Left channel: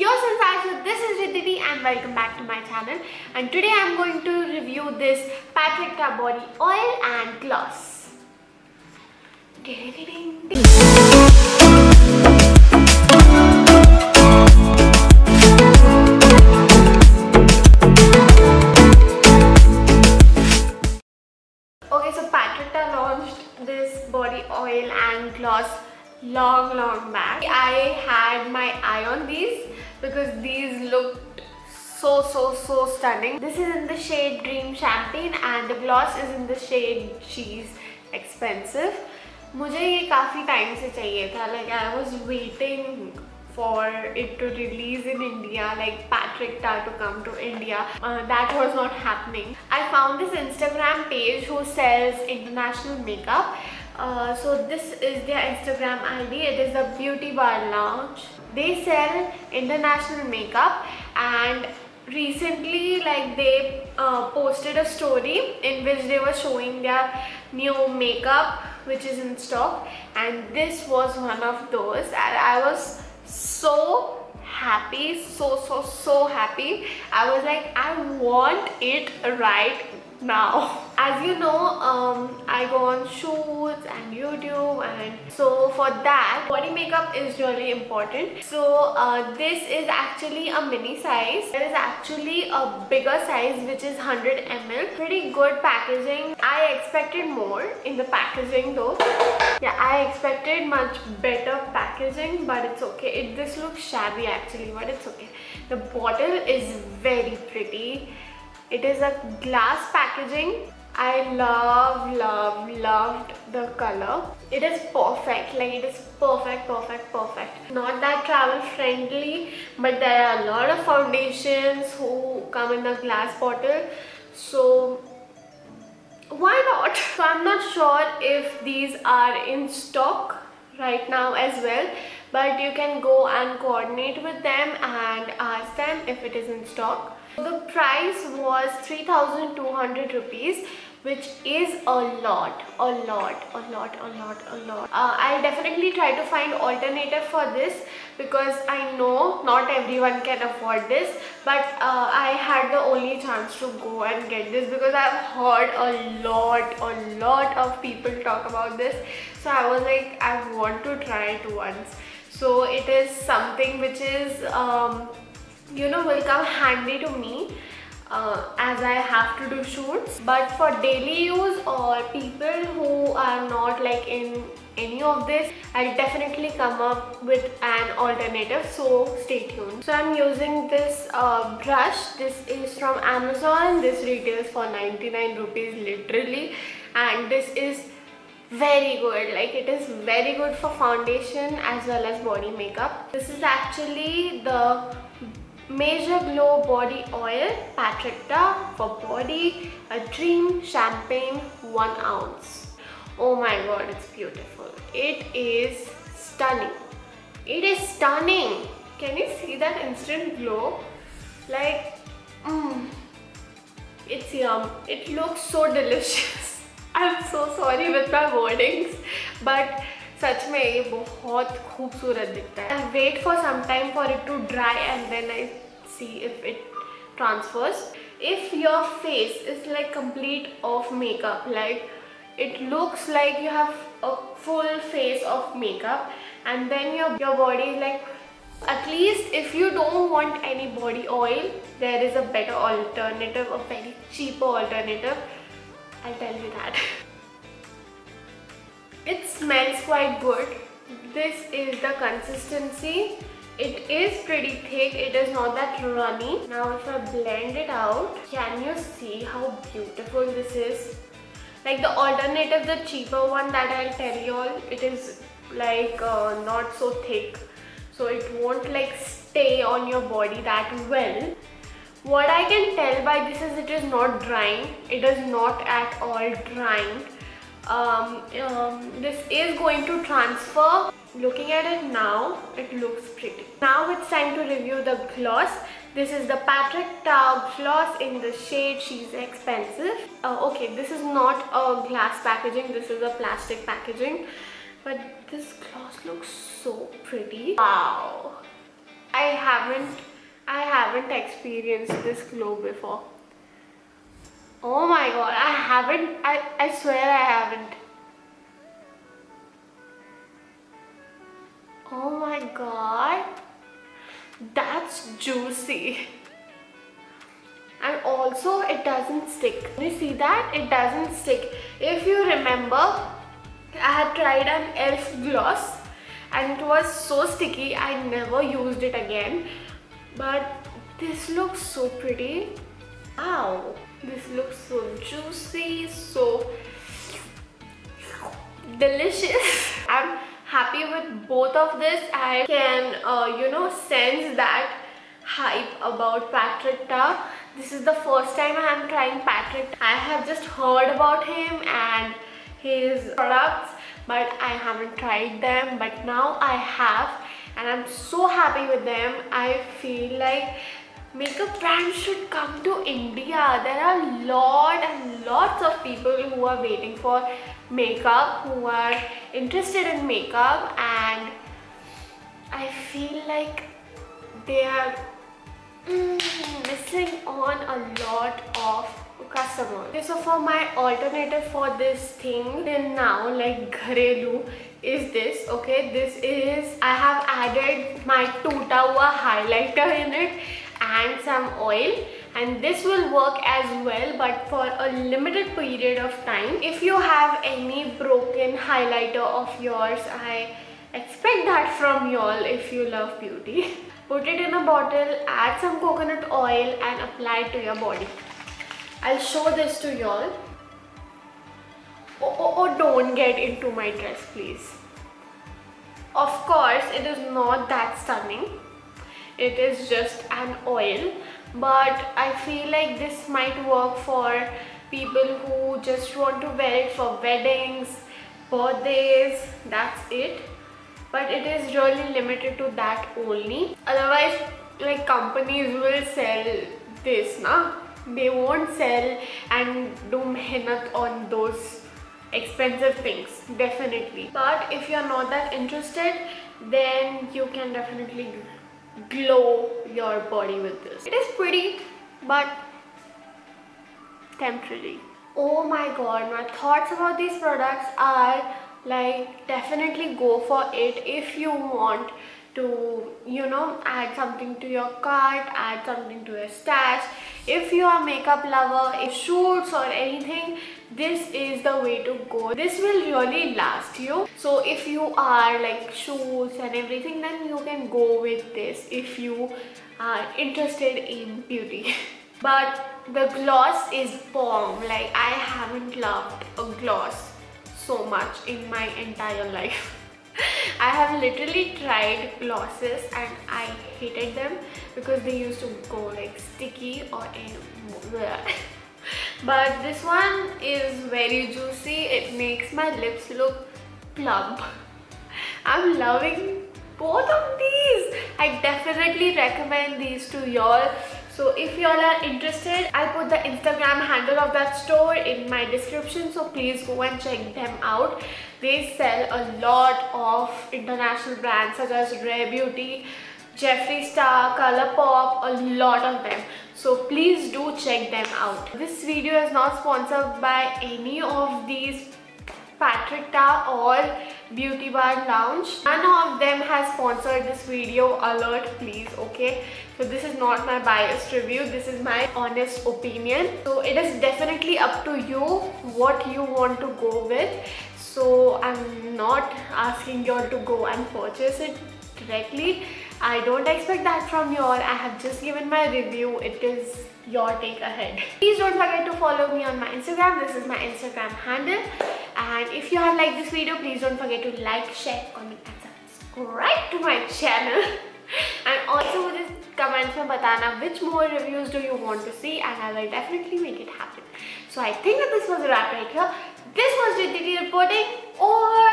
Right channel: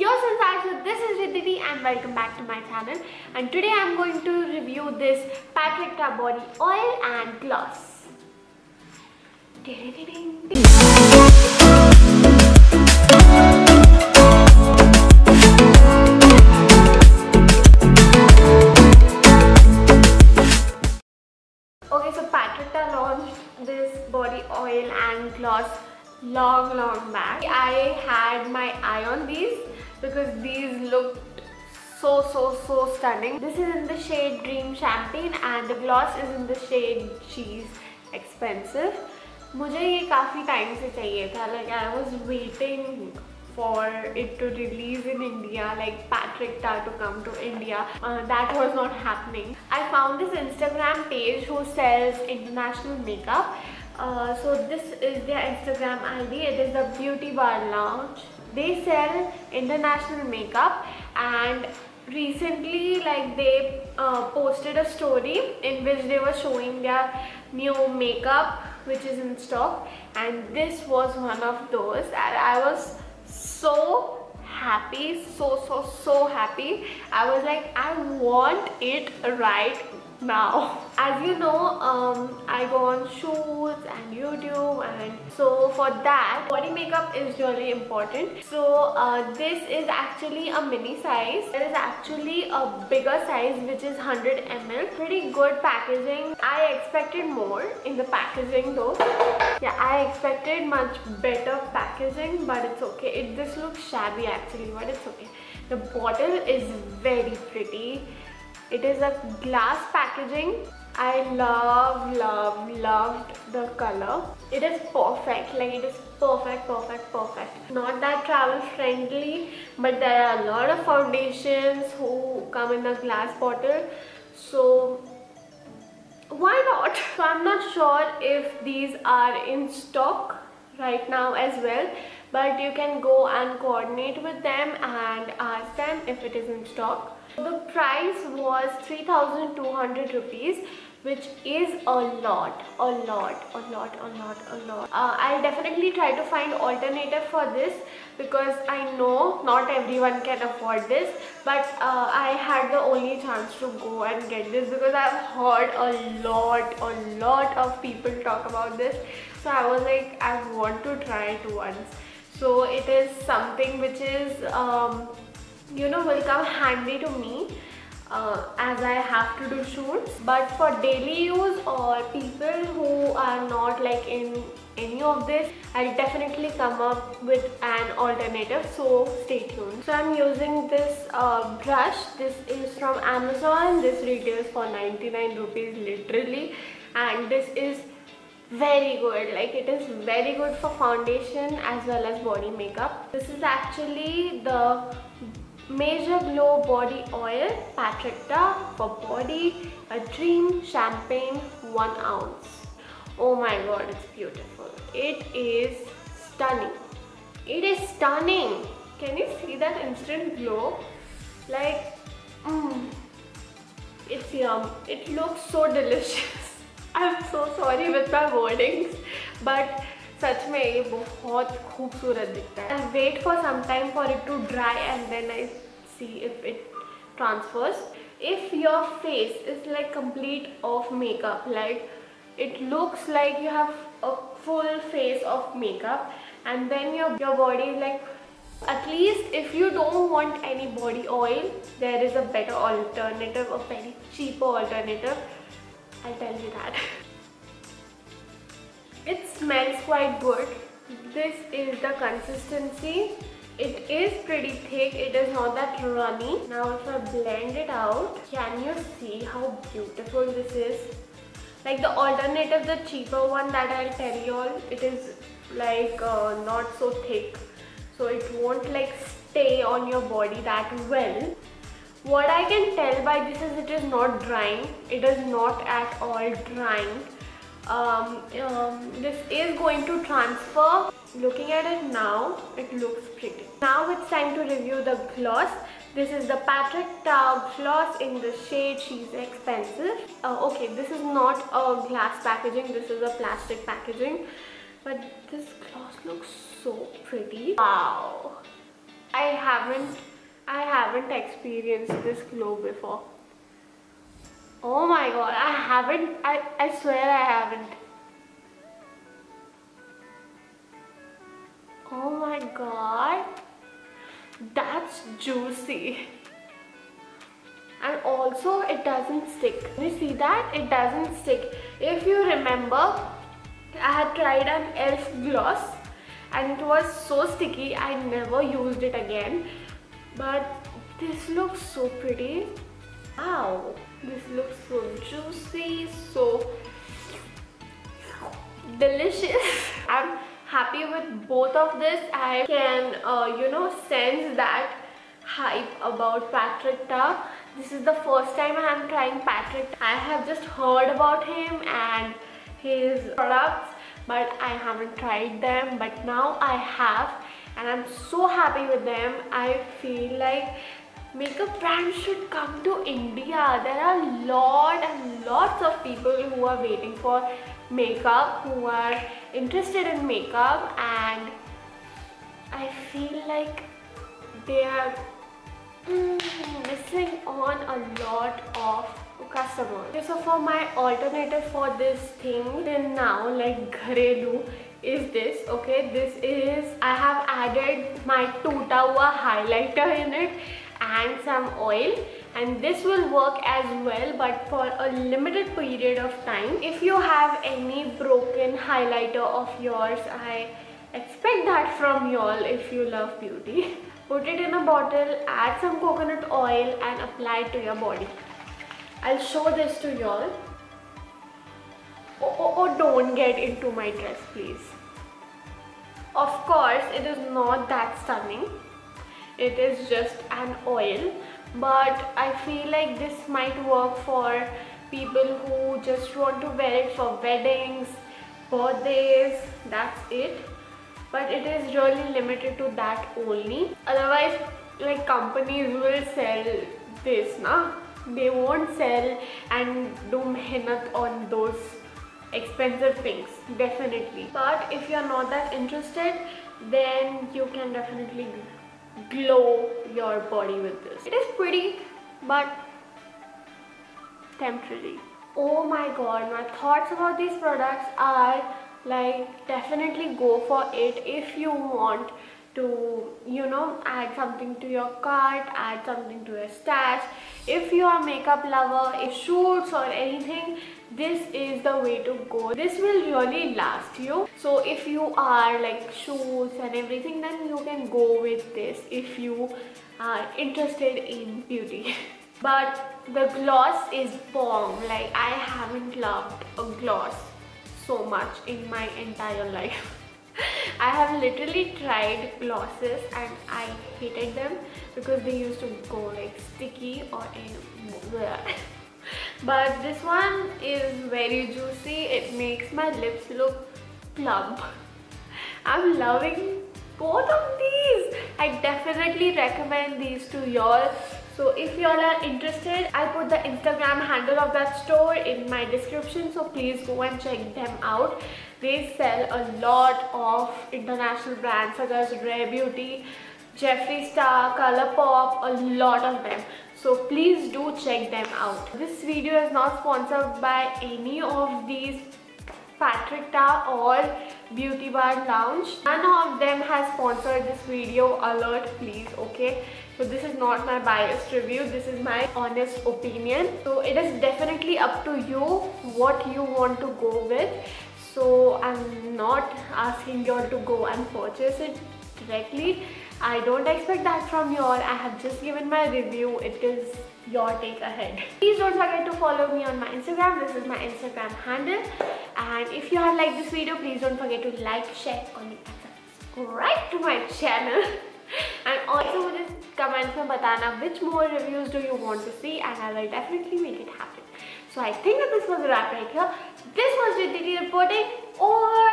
Yo Sensation, this is Riddhi and welcome back to my channel, and today I am going to review this Patrick Ta body oil and gloss. Okay, so Patrick Ta launched this body oil and gloss long back. I had my eye on these because these looked so stunning. This is in the shade Dream Champagne and the gloss is in the shade Cheese Expensive. मुझे ये काफ़ी time से चाहिए था. Like I was waiting for it to release in India, like Patrick Ta to come to India. That was not happening. I found this Instagram page who sells international makeup. So this is their Instagram ID. It is the Beauty Bar Lounge. They sell international makeup, and recently like they posted a story in which they were showing their new makeup which is in stock, and this was one of those, and I was so happy, so happy. I was like, I want it right now. As you know, I go on shoots and YouTube, and so for that body makeup is really important. So this is actually a mini size. There is actually a bigger size which is 100 ml. Pretty good packaging. I expected more in the packaging though. Yeah, I expected much better packaging, but it's okay. This looks shabby actually, but it's okay. The bottle is very pretty. It is a glass packaging. I loved the color. It is perfect, like it is perfect. Not that travel friendly, but there are a lot of foundations who come in a glass bottle, so why not? So I'm not sure if these are in stock right now as well, but you can go and coordinate with them and ask them if it is in stock. The price was 3,200 rupees, which is a lot. I'll definitely try to find alternative for this because I know not everyone can afford this, but I had the only chance to go and get this because I've heard a lot of people talk about this. So I was like, I want to try it once. So it is something which is you know, will come handy to me as I have to do shoots, but for daily use or people who are not like in any of this, I'll definitely come up with an alternative, so stay tuned. So I'm using this brush. This is from Amazon. This retails for 99 rupees literally, and this is very good. Like it is very good for foundation as well as body makeup. This is actually the Major Glow Body Oil Patrick Ta for body, a Dream Champagne 1 ounce. Oh my god, it's beautiful. It is stunning. It is stunning. Can you see that instant glow? Like, it's yum. It looks so delicious. I'm so sorry with my wordings, but सच में ये बहुत खूबसूरत दिखता है. I'll wait for some time for it to dry and then I see if it transfers. If your face is like complete of makeup, like it looks like you have a full face of makeup, and then your body is like, at least if you don't want any body oil, there is a better alternative, a very cheaper alternative. I'll tell you that. It smells quite good. This is the consistency. It is pretty thick. It is not that runny. Now if I blend it out, can you see how beautiful this is? Like the alternative, the cheaper one that I'll tell you all, it is like not so thick, so it won't like stay on your body that well. What I can tell by this is it is not drying. It is not at all drying. This is going to transfer. Looking at it now, it looks pretty. Now it's time to review the gloss. This is the Patrick Ta gloss in the shade She's Expensive. Okay, this is not a glass packaging, this is a plastic packaging, but this gloss looks so pretty. Wow, I haven't experienced this glow before. Oh my god, I swear I haven't. Oh my god, that's juicy. And also it doesn't stick. You see that? It doesn't stick. If you remember, I had tried an e.l.f. gloss and it was so sticky, I never used it again. But this looks so pretty. Wow, this looks so juicy, so delicious. I'm happy with both of this. I can sense that hype about Patrick Ta. This is the first time I am trying Patrick. I have just heard about him and his products, but I haven't tried them. But now I have, and I'm so happy with them. I feel like makeup brands should come to India. There are lots of people who are waiting for makeup, who are interested in makeup, and I feel like they are missing on a lot of customers. Okay, so for my alternative for this thing till now, like gharelu, is this. Okay, this is, I have added my Toota Hua highlighter in it and some oil, and this will work as well, but for a limited period of time. If you have any broken highlighter of yours, I expect that from y'all if you love beauty. Put it in a bottle, add some coconut oil and apply it to your body. I'll show this to y'all. Oh, don't get into my dress, please. Of course, it is not that stunning. It is just an oil, but I feel like this might work for people who just want to wear it for weddings, birthdays, that's it. But it is really limited to that only. Otherwise, like, companies will sell this, na? They won't sell and do mehnat on those expensive things, definitely. But if you're not that interested, then you can definitely glow your body with this. It is pretty, but temporary. Oh my god, my thoughts about these products are like, definitely go for it if you want to, add something to your cart, add something to your stash. If you are a makeup lover, if shoots or anything, this is the way to go. This will really last you. So if you are like shoots and everything, then you can go with this if you are interested in beauty. But the gloss is bomb. Like, I haven't loved a gloss so much in my entire life. I have literally tried glosses and I hated them because they used to go like sticky or but this one is very juicy. It makes my lips look plump. I'm loving both of these. I definitely recommend these to y'all. So if y'all are interested, I'll put the Instagram handle of that store in my description, so please go and check them out. They sell a lot of international brands such as Rare Beauty, Jeffree Star, Colourpop, a lot of them. So please do check them out. This video is not sponsored by any of these Patrick Ta or Beauty Bar Lounge. None of them has sponsored this video, alert please, okay? So this is not my biased review, this is my honest opinion. So it is definitely up to you what you want to go with. So I'm not asking you all to go and purchase it directly. I don't expect that from you all. I have just given my review. It is your take ahead. Please don't forget to follow me on my Instagram. This is my Instagram handle. And if you have liked this video, please don't forget to like, share, comment and subscribe to my channel. And also just comments mein batana which more reviews do you want to see, and I will definitely make it happen. So I think that this was a wrap right here. This was Riddhi reporting. Or